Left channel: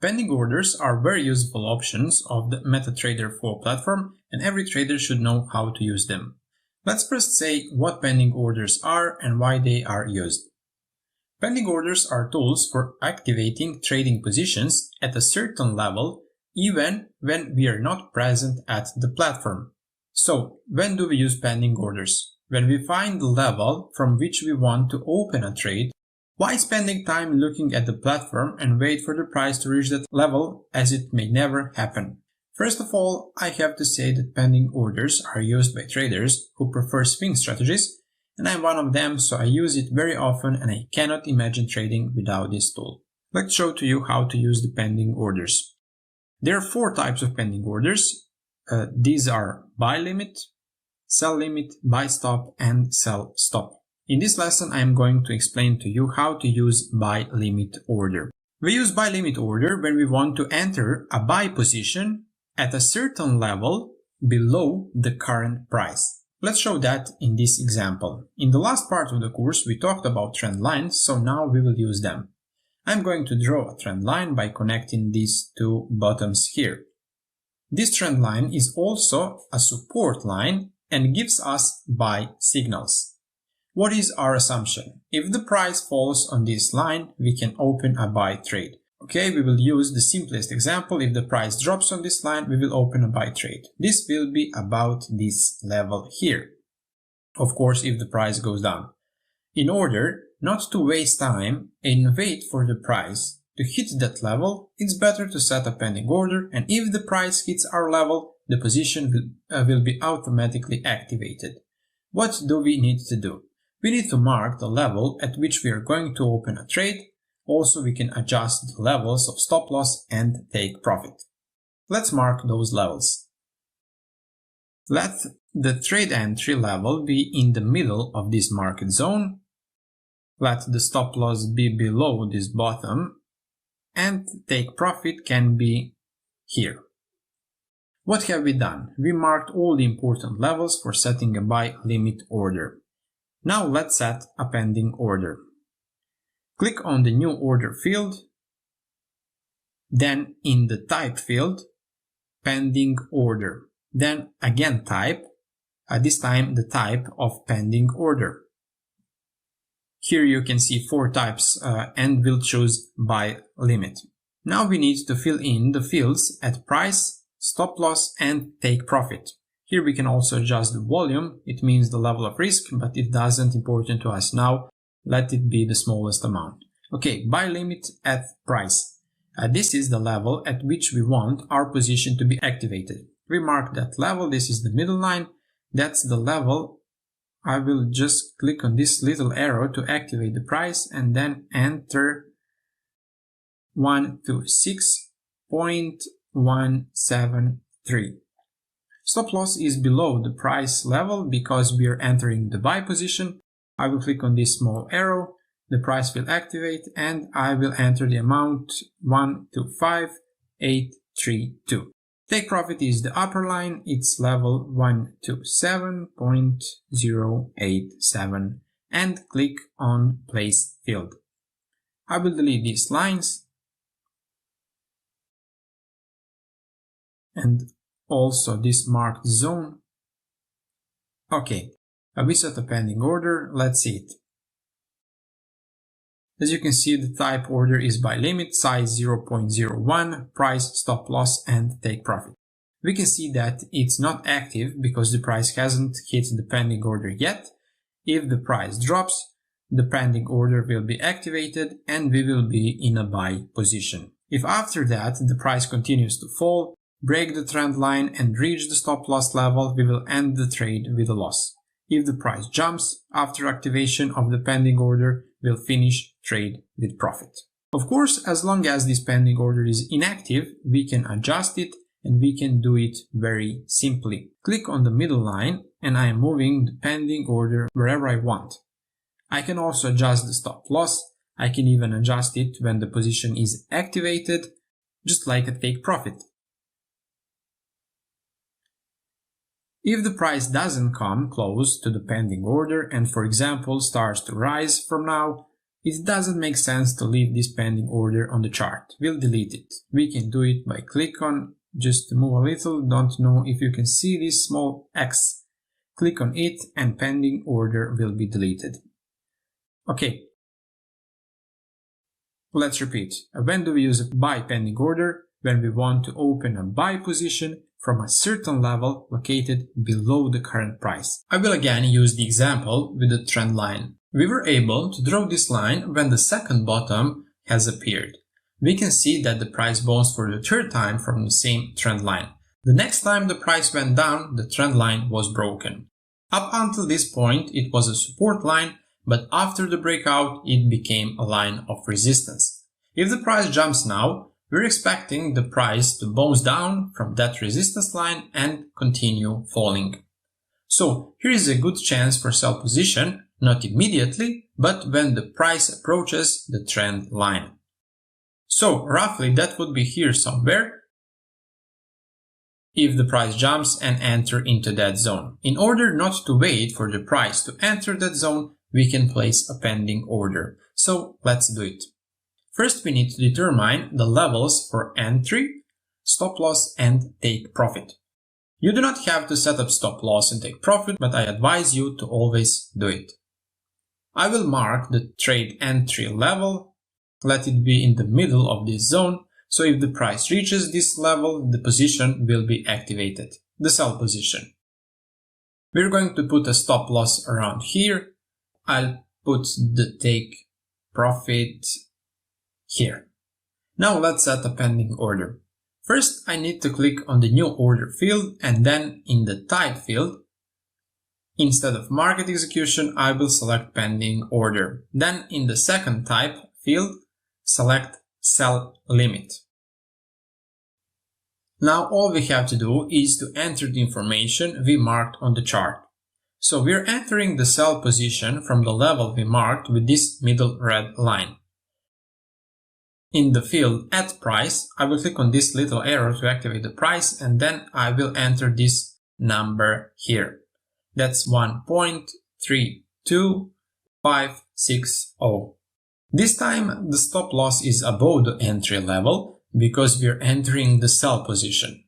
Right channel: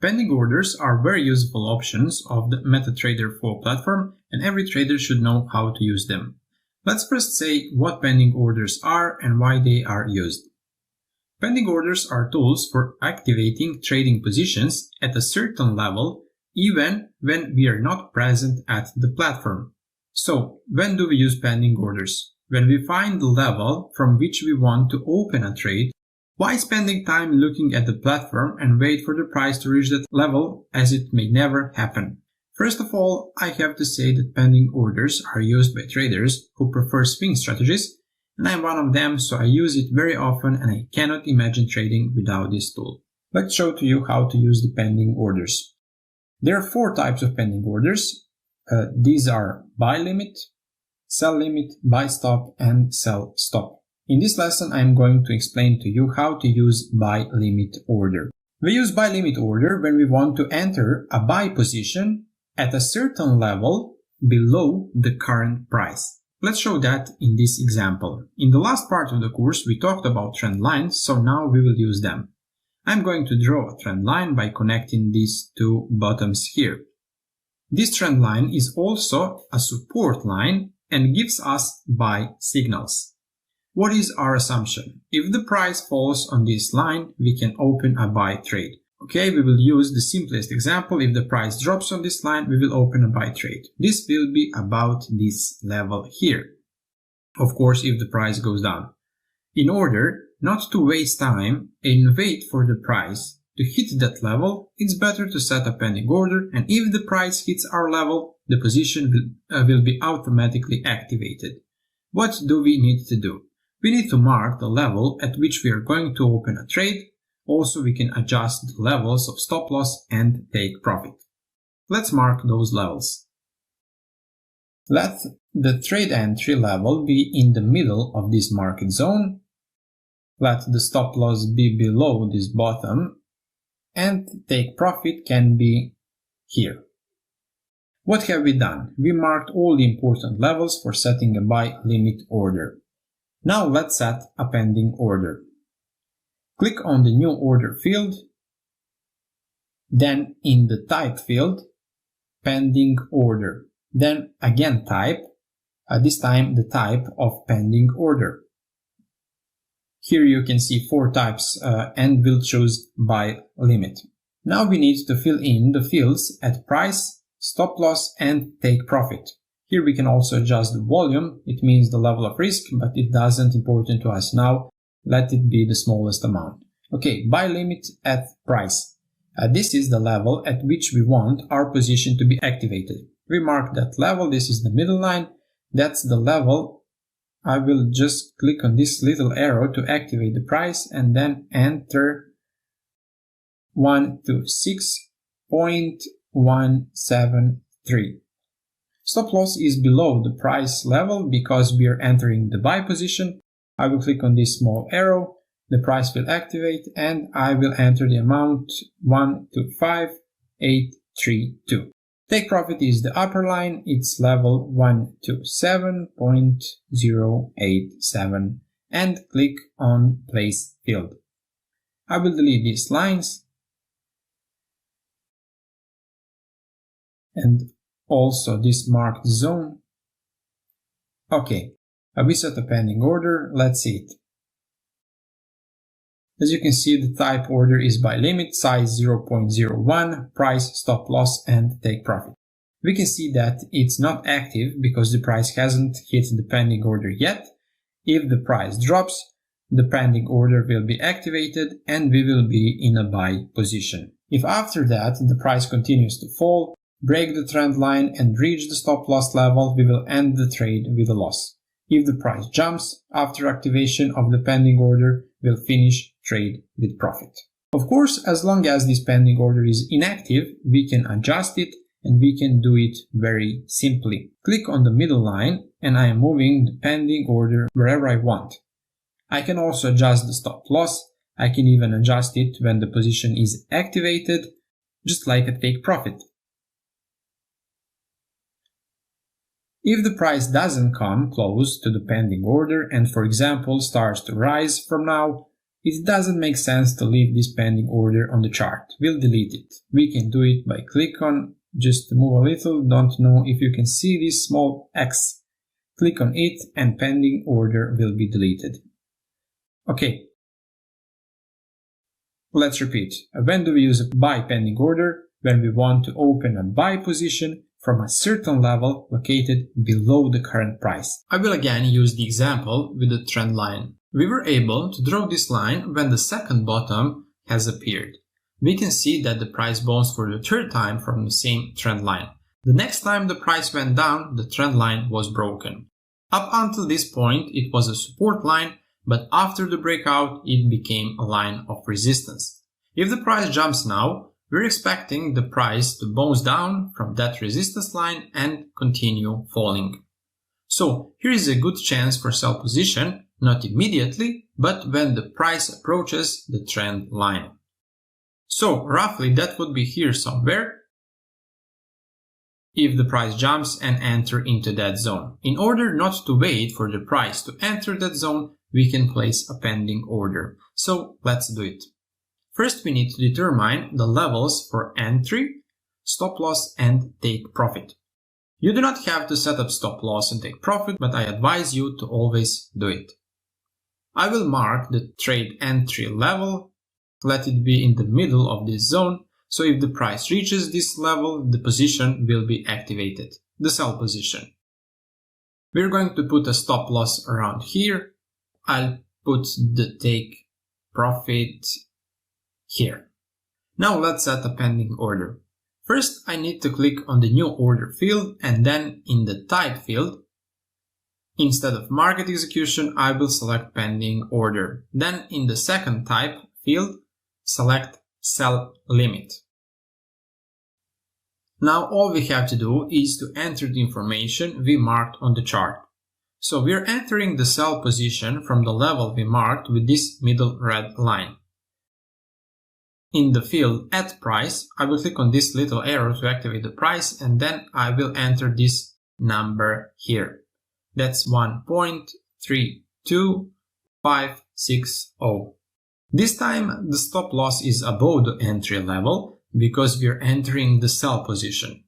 Pending orders are very useful options of the MetaTrader 4 platform, and every trader should know how to use them. Let's first say what pending orders are and why they are used. Pending orders are tools for activating trading positions at a certain level even when we are not present at the platform. So, when do we use pending orders? When we find the level from which we want to open a trade. Why spending time looking at the platform and wait for the price to reach that level, as it may never happen? First of all, I have to say that pending orders are used by traders who prefer swing strategies, and I'm one of them, so I use it very often and I cannot imagine trading without this tool. Let's show to you how to use the pending orders. There are 4 types of pending orders. These are buy limit, sell limit, buy stop, and sell stop. In this lesson, I am going to explain to you how to use buy limit order. We use buy limit order when we want to enter a buy position at a certain level below the current price. Let's show that in this example. In the last part of the course, we talked about trend lines, so now we will use them. I'm going to draw a trend line by connecting these 2 bottoms here. This trend line is also a support line and gives us buy signals. What is our assumption? If the price falls on this line, we can open a buy trade. Okay, we will use the simplest example. If the price drops on this line, we will open a buy trade. This will be about this level here. Of course, if the price goes down. In order not to waste time and wait for the price to hit that level, it's better to set a pending order, and if the price hits our level, the position will be automatically activated. What do we need to do? We need to mark the level at which we are going to open a trade. Also, we can adjust the levels of stop loss and take profit. Let's mark those levels. Let the trade entry level be in the middle of this market zone. Let the stop loss be below this bottom, and take profit can be here. What have we done? We marked all the important levels for setting a buy limit order. Now let's set a pending order. Click on the new order field, then in the type field, pending order, then again type, this time the type of pending order. Here you can see 4 types and we'll choose buy limit. Now we need to fill in the fields at price, stop loss, and take profit. Here we can also adjust the volume. It means the level of risk, but it doesn't important to us now. Let it be the smallest amount. Okay, buy limit at price. This is the level at which we want our position to be activated. We mark that level. This is the middle line. That's the level. I will just click on this little arrow to activate the price and then enter 126.173. Stop loss is below the price level because we are entering the buy position. I will click on this small arrow, the price will activate, and I will enter the amount 125.832. Take profit is the upper line, it's level 127.087, and click on place field. I will delete these lines and also this marked zone. Okay, we set a pending order. Let's see it. As you can see, the type order is buy limit, size 0.01, price, stop loss, and take profit. We can see that it's not active because the price hasn't hit the pending order yet. If the price drops, the pending order will be activated and we will be in a buy position. If after that the price continues to fall, break the trend line and reach the stop loss level, we will end the trade with a loss. If the price jumps after activation of the pending order, we'll finish trade with profit. Of course, as long as this pending order is inactive, we can adjust it and we can do it very simply. Click on the middle line and I am moving the pending order wherever I want. I can also adjust the stop loss. I can even adjust it when the position is activated, just like a take profit. If the price doesn't come close to the pending order and, for example, starts to rise from now, it doesn't make sense to leave this pending order on the chart. We'll delete it. We can do it by click on, just to move a little, don't know if you can see this small X. Click on it and pending order will be deleted. Okay. Let's repeat. When do we use a buy pending order? When we want to open a buy position from a certain level located below the current price. I will again use the example with the trend line. We were able to draw this line when the second bottom has appeared. We can see that the price bounced for the third time from the same trend line. The next time the price went down, the trend line was broken. Up until this point, it was a support line, but after the breakout, it became a line of resistance. If the price jumps now, we're expecting the price to bounce down from that resistance line and continue falling. So here is a good chance for sell position, not immediately, but when the price approaches the trend line. So roughly that would be here somewhere if the price jumps and enter into that zone. In order not to wait for the price to enter that zone, we can place a pending order. So let's do it. First, we need to determine the levels for entry, stop loss, and take profit. You do not have to set up stop loss and take profit, but I advise you to always do it. I will mark the trade entry level, let it be in the middle of this zone, so if the price reaches this level, the position will be activated, the sell position. We're going to put a stop loss around here. I'll put the take profit here. Now let's set a pending order. First, I need to click on the new order field and then in the type field, instead of market execution, I will select pending order. Then in the second type field, select sell limit. Now all we have to do is to enter the information we marked on the chart. So we're entering the sell position from the level we marked with this middle red line. In the field at price, I will click on this little arrow to activate the price and then I will enter this number here. That's 1.32560. This time the stop loss is above the entry level because we are entering the sell position.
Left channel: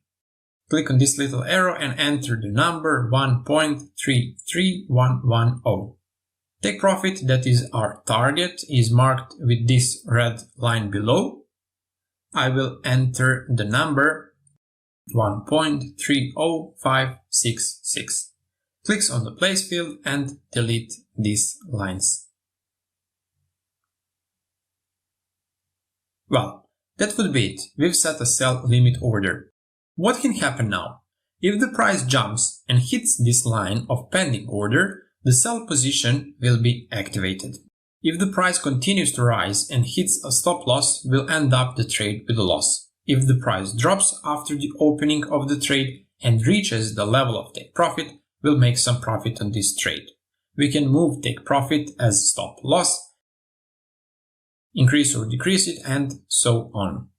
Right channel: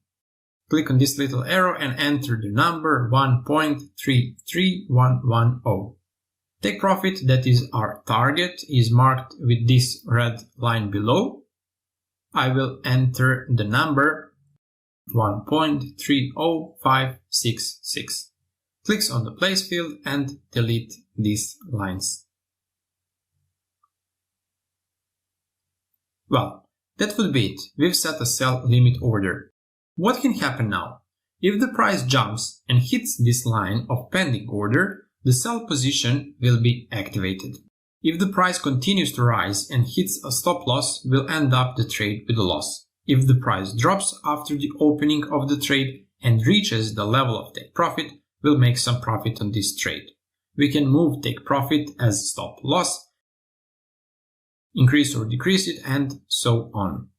Click on this little arrow and enter the number 1.33110. Take profit, that is our target, is marked with this red line below. I will enter the number 1.30566. Clicks on the place field and delete these lines. Well, that would be it. We've set a sell limit order. What can happen now? If the price jumps and hits this line of pending order, the sell position will be activated. If the price continues to rise and hits a stop loss, we'll end up the trade with a loss. If the price drops after the opening of the trade and reaches the level of take profit, we'll make some profit on this trade. We can move take profit as stop loss, increase or decrease it, and so on.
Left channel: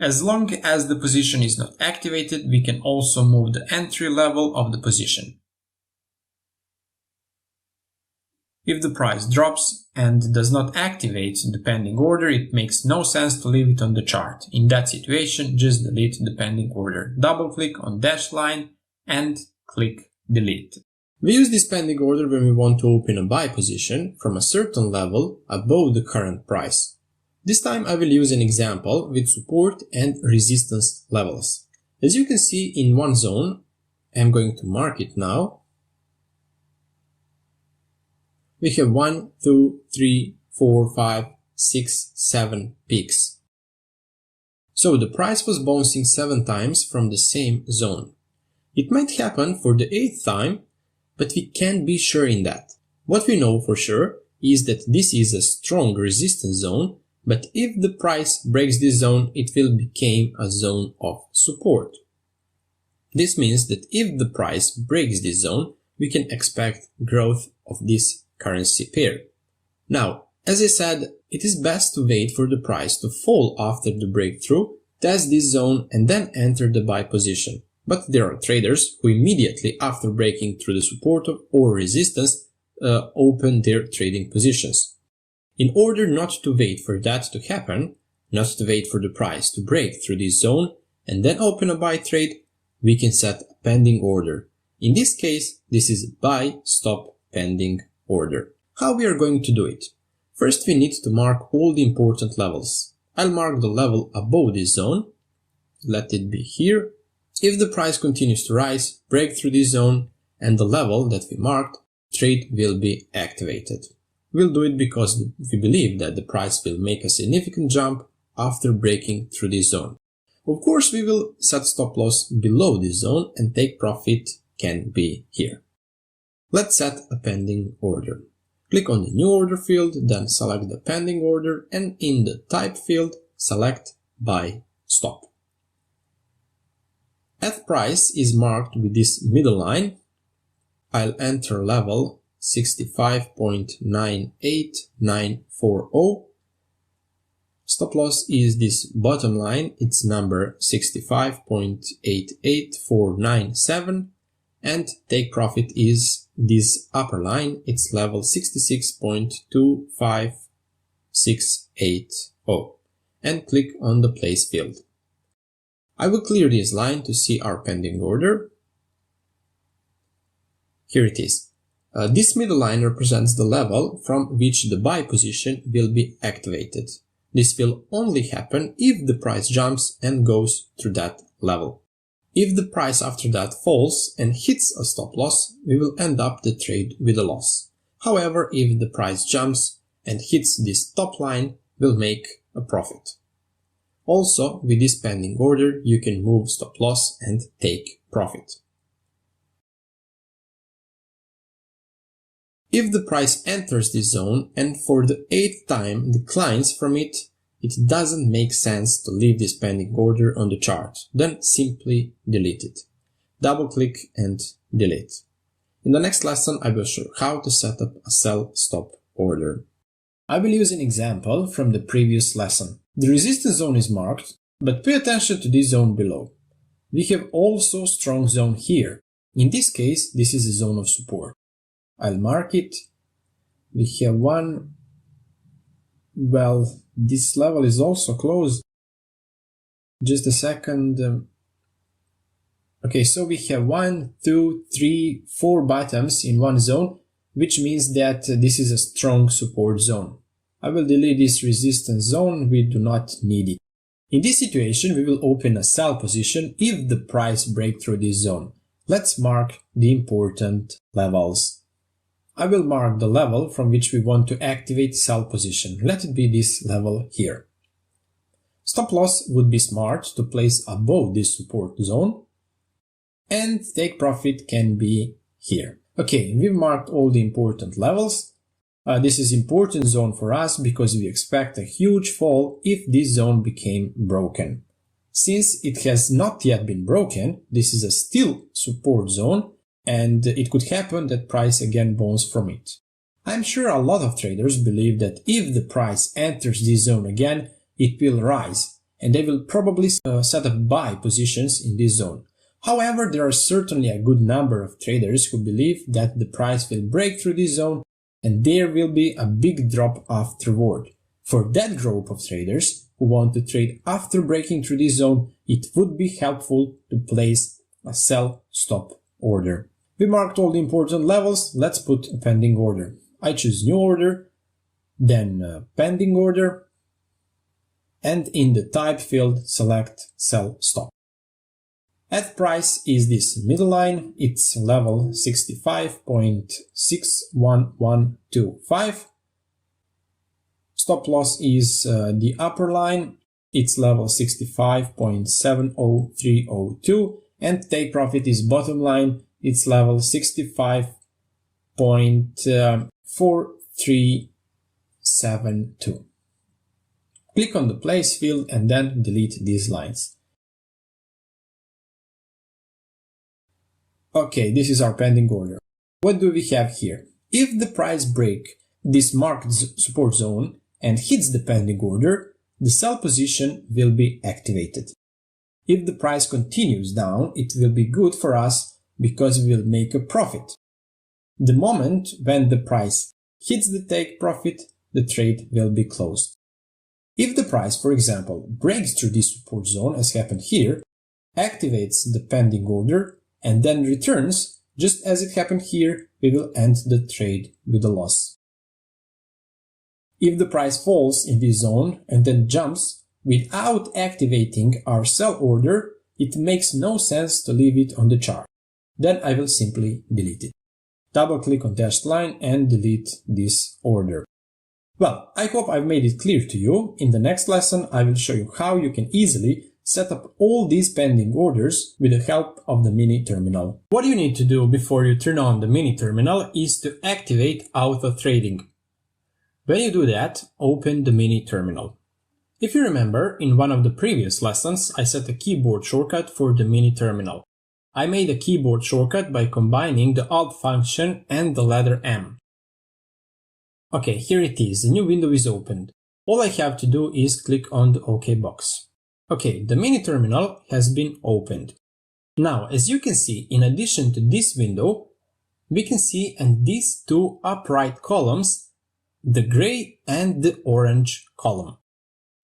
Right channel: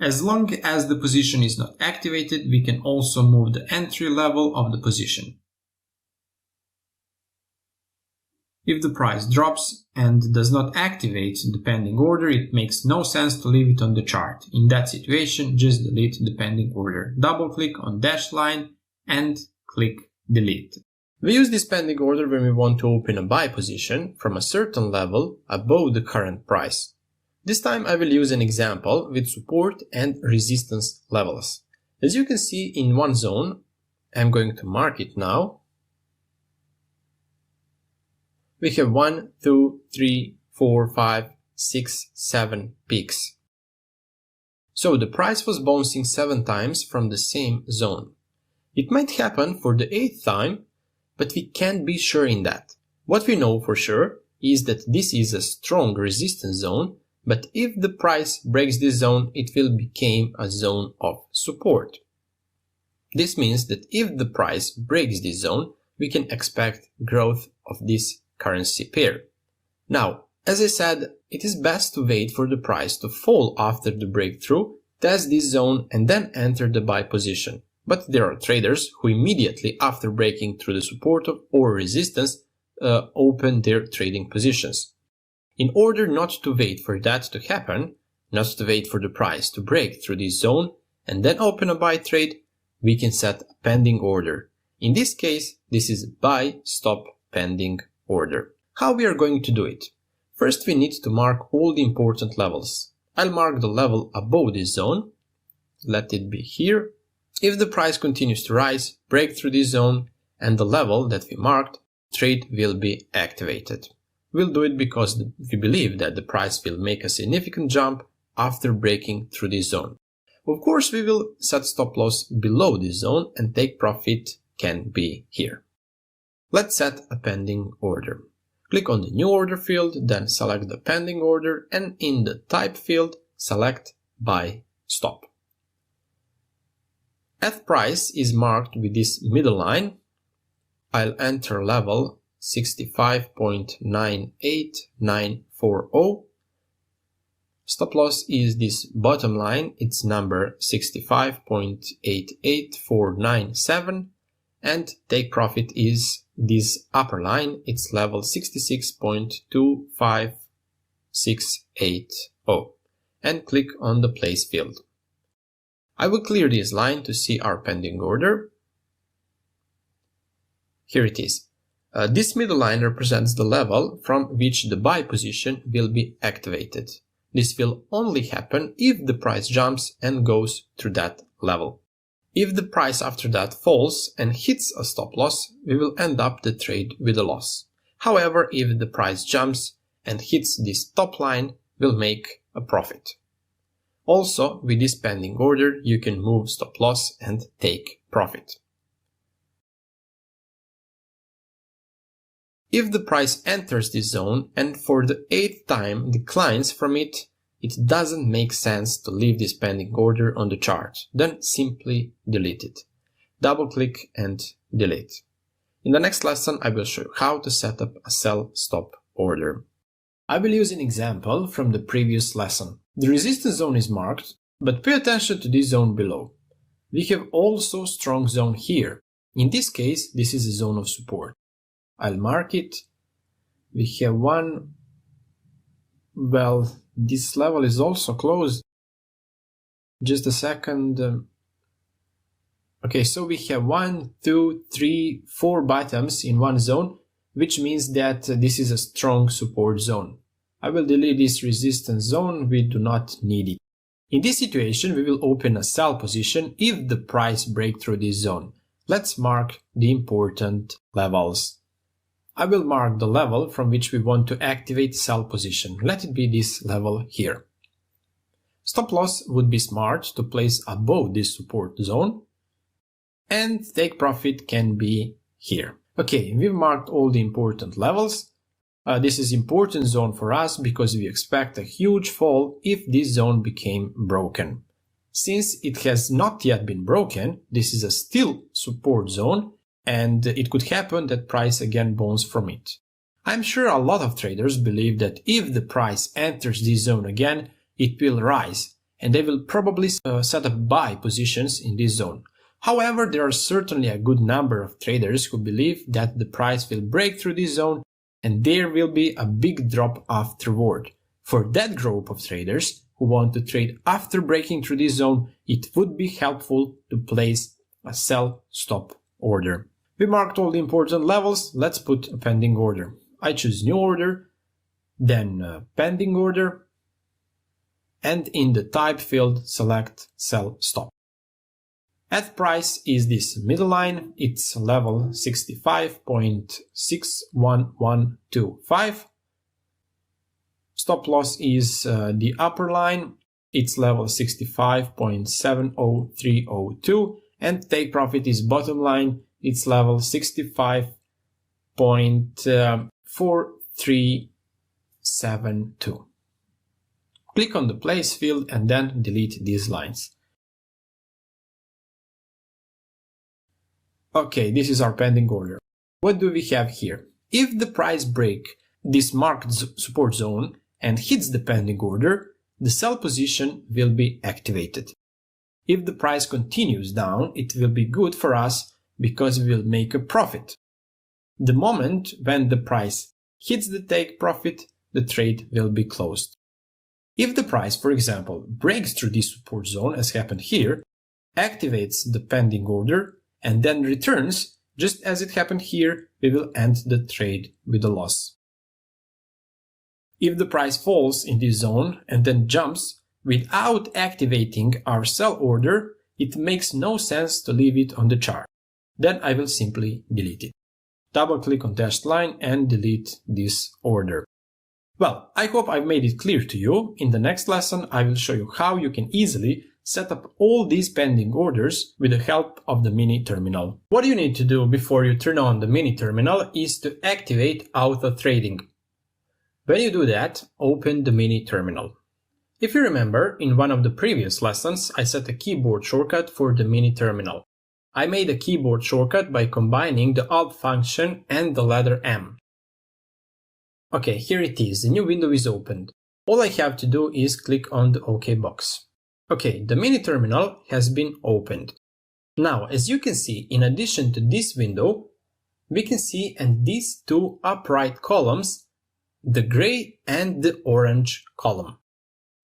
As long as the position is not activated, we can also move the entry level of the position. If the price drops and does not activate the pending order, it makes no sense to leave it on the chart. In that situation, just delete the pending order. Double click on dash line and click delete. We use this pending order when we want to open a buy position from a certain level above the current price. This time I will use an example with support and resistance levels. As you can see in one zone, I'm going to mark it now. We have 1, 2, 3, 4, 5, 6, 7 peaks. So the price was bouncing 7 times from the same zone. It might happen for the 8th time, but we can't be sure in that. What we know for sure is that this is a strong resistance zone, but if the price breaks this zone, it will become a zone of support. This means that if the price breaks this zone, we can expect growth of this currency pair. Now, as I said, it is best to wait for the price to fall after the breakthrough, test this zone and then enter the buy position. But there are traders who immediately after breaking through the support or resistance open their trading positions. In order not to wait for that to happen, not to wait for the price to break through this zone and then open a buy trade, we can set a pending order. In this case, this is buy stop pending order. How we are going to do it? First, we need to mark all the important levels. I'll mark the level above this zone. Let it be here. If the price continues to rise, break through this zone and the level that we marked, trade will be activated. We'll do it because we believe that the price will make a significant jump after breaking through this zone. Of course, we will set stop loss below this zone and take profit can be here. Let's set a pending order. Click on the new order field, then select the pending order, and in the type field, select buy stop. At price is marked with this middle line. I'll enter level 65.98940. Stop loss is this bottom line, it's number 65.88497, and take profit is this upper line, it's level 66.25680, and click on the place field. I will clear this line to see our pending order. Here it is. This middle line represents the level from which the buy position will be activated. This will only happen if the price jumps and goes through that level. If the price after that falls and hits a stop loss, we will end up the trade with a loss. However, if the price jumps and hits this top line, we'll make a profit. Also, with this pending order, you can move stop loss and take profit. If the price enters this zone and for the 8th time declines from it, it doesn't make sense to leave this pending order on the chart. Then simply delete it. Double click and delete. In the next lesson, I will show you how to set up a sell stop order. I will use an example from the previous lesson. The resistance zone is marked, but pay attention to this zone below. We have also strong zone here. In this case, this is a zone of support. I'll mark it. We have one. Well, this level is also closed. Just a second. Okay, so we have 1, 2, 3, 4 bottoms in one zone, which means that this is a strong support zone. I will delete this resistance zone, we do not need it. In this situation, we will open a sell position if the price breaks through this zone. Let's mark the important levels. I will mark the level from which we want to activate sell position. Let it be this level here. Stop loss would be smart to place above this support zone, and take profit can be here. Okay, we've marked all the important levels. This is important zone for us because we expect a huge fall if this zone became broken. Since it has not yet been broken, this is a still support zone, and it could happen that price again bounces from it. I'm sure a lot of traders believe that if the price enters this zone again, it will rise, and they will probably set up buy positions in this zone. However, there are certainly a good number of traders who believe that the price will break through this zone and there will be a big drop afterward. For that group of traders who want to trade after breaking through this zone, it would be helpful to place a sell stop order. We marked all the important levels. Let's put a pending order. I choose new order, then pending order, and in the type field select sell stop. At price is this middle line, it's level 65.61125. Stop loss is the upper line, it's level 65.70302, and take profit is bottom line, it's level 65.4372. Click on the place field and then delete these lines. Okay, this is our pending order. What do we have here? If the price breaks this marked support zone and hits the pending order, the sell position will be activated. If the price continues down, it will be good for us because we will make a profit. The moment when the price hits the take profit, the trade will be closed. If the price, for example, breaks through this support zone as happened here, activates the pending order, and then returns, just as it happened here, we will end the trade with a loss. If the price falls in this zone and then jumps without activating our sell order, it makes no sense to leave it on the chart. Then I will simply delete it. Double click on dashed line and delete this order. Well, I hope I've made it clear to you. In the next lesson, I will show you how you can easily set up all these pending orders with the help of the mini terminal. What you need to do before you turn on the mini terminal is to activate auto trading. When you do that, open the mini terminal. If you remember, in one of the previous lessons, I set a keyboard shortcut for the mini terminal. I made a keyboard shortcut by combining the Alt function and the letter M. Okay, here it is, the new window is opened. All I have to do is click on the OK box. Okay, the mini terminal has been opened. Now, as you can see, in addition to this window, we can see in these two upright columns, the gray and the orange column.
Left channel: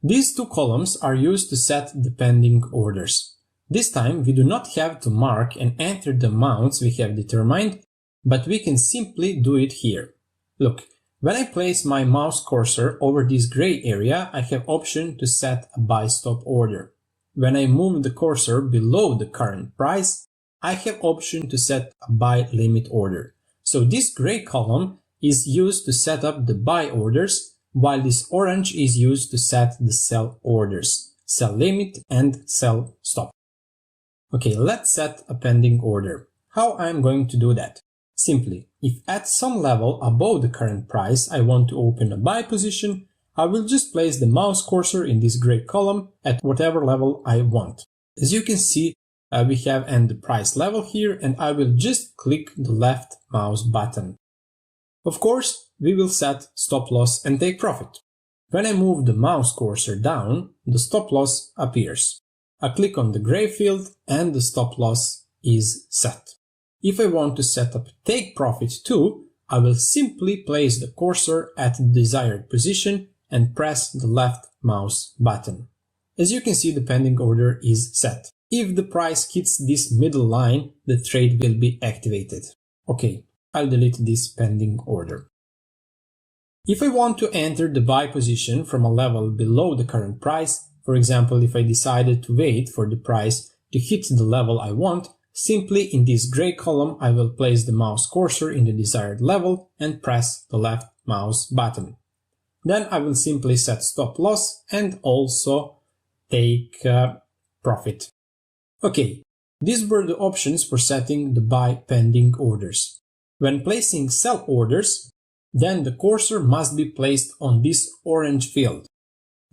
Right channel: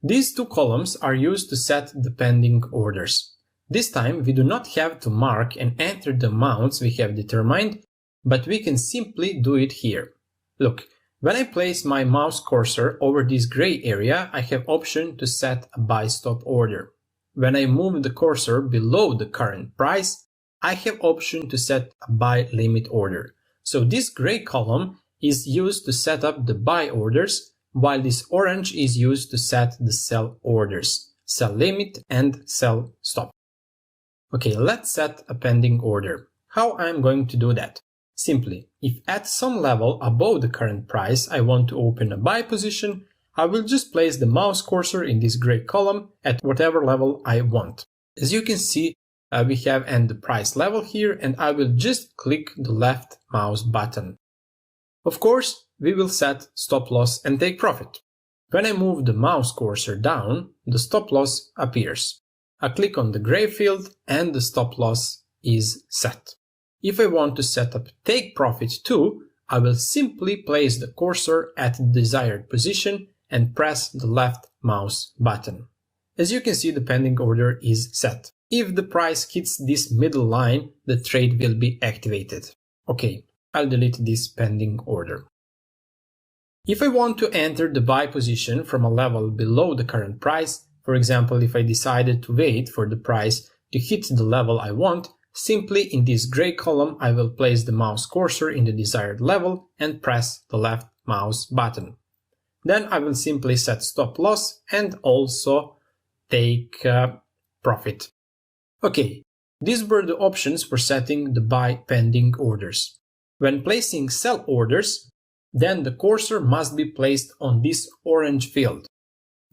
These two columns are used to set the pending orders. This time, we do not have to mark and enter the amounts we have determined, but we can simply do it here. Look. When I place my mouse cursor over this gray area, I have option to set a buy stop order. When I move the cursor below the current price, I have option to set a buy limit order. So this gray column is used to set up the buy orders, while this orange is used to set the sell orders, sell limit and sell stop. Okay, let's set a pending order. How I'm going to do that? Simply, if at some level above the current price I want to open a buy position, I will just place the mouse cursor in this gray column at whatever level I want. As you can see, we have the price level here, and I will just click the left mouse button. Of course, we will set stop loss and take profit. When I move the mouse cursor down, the stop loss appears. I click on the gray field and the stop loss is set. If I want to set up take profit too, I will simply place the cursor at the desired position and press the left mouse button. As you can see, the pending order is set. If the price hits this middle line, the trade will be activated. Okay, I'll delete this pending order. If I want to enter the buy position from a level below the current price, for example, if I decided to wait for the price to hit the level I want, simply in this gray column I will place the mouse cursor in the desired level and press the left mouse button. Then I will simply set stop loss and also take profit. Okay, these were the options for setting the buy pending orders. When placing sell orders, then the cursor must be placed on this orange field.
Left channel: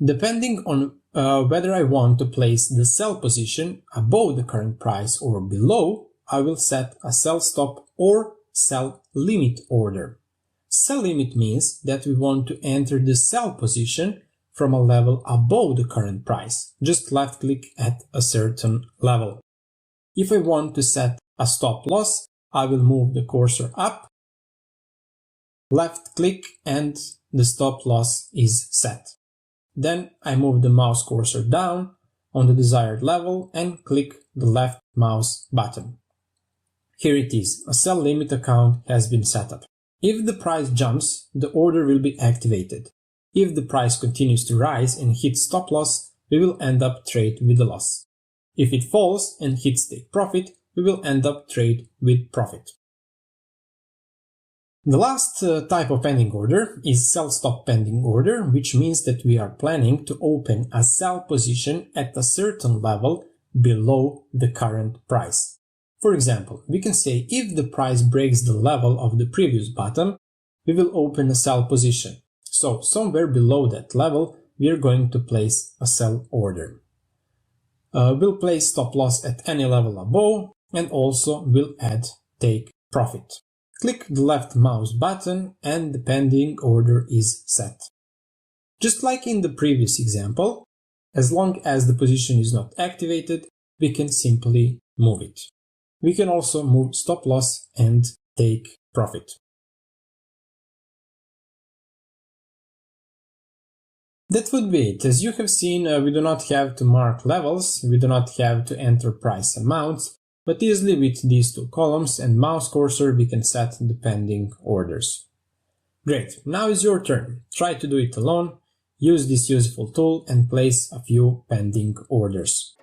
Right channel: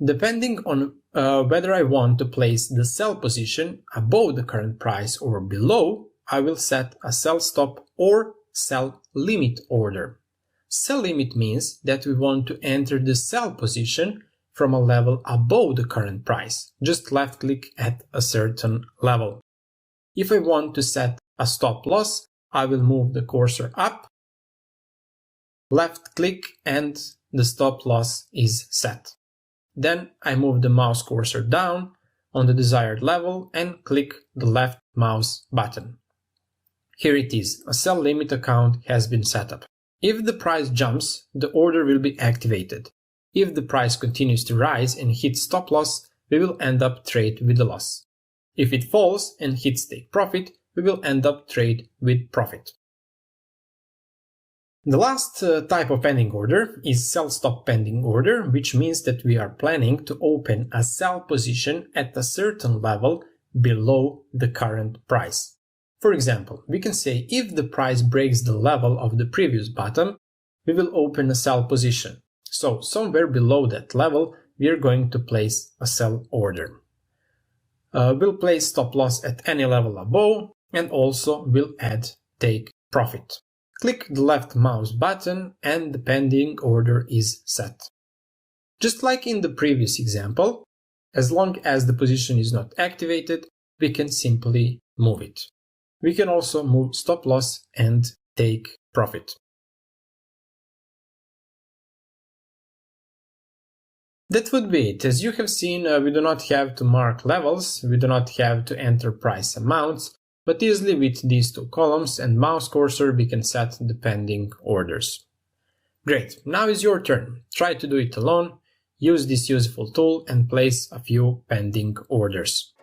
Depending on whether I want to place the sell position above the current price or below, I will set a sell stop or sell limit order. Sell limit means that we want to enter the sell position from a level above the current price. Just left click at a certain level. If I want to set a stop loss, I will move the cursor up, left click, and the stop loss is set. Then I move the mouse cursor down on the desired level and click the left mouse button. Here it is, a sell limit account has been set up. If the price jumps, the order will be activated. If the price continues to rise and hits stop loss, we will end up trade with a loss. If it falls and hits take profit, we will end up trade with profit. The last type of pending order is sell stop pending order, which means that we are planning to open a sell position at a certain level below the current price. For example, we can say if the price breaks the level of the previous bottom, we will open a sell position. So somewhere below that level, we are going to place a sell order. We'll place stop loss at any level above and also we'll add take profit. Click the left mouse button and the pending order is set. Just like in the previous example, as long as the position is not activated, we can simply move it. We can also move stop loss and take profit. That would be it. As you have seen, we do not have to mark levels, we do not have to enter price amounts, but easily with these two columns and mouse cursor we can set the pending orders. Great, now is your turn. Try to do it alone, use this useful tool and place a few pending orders.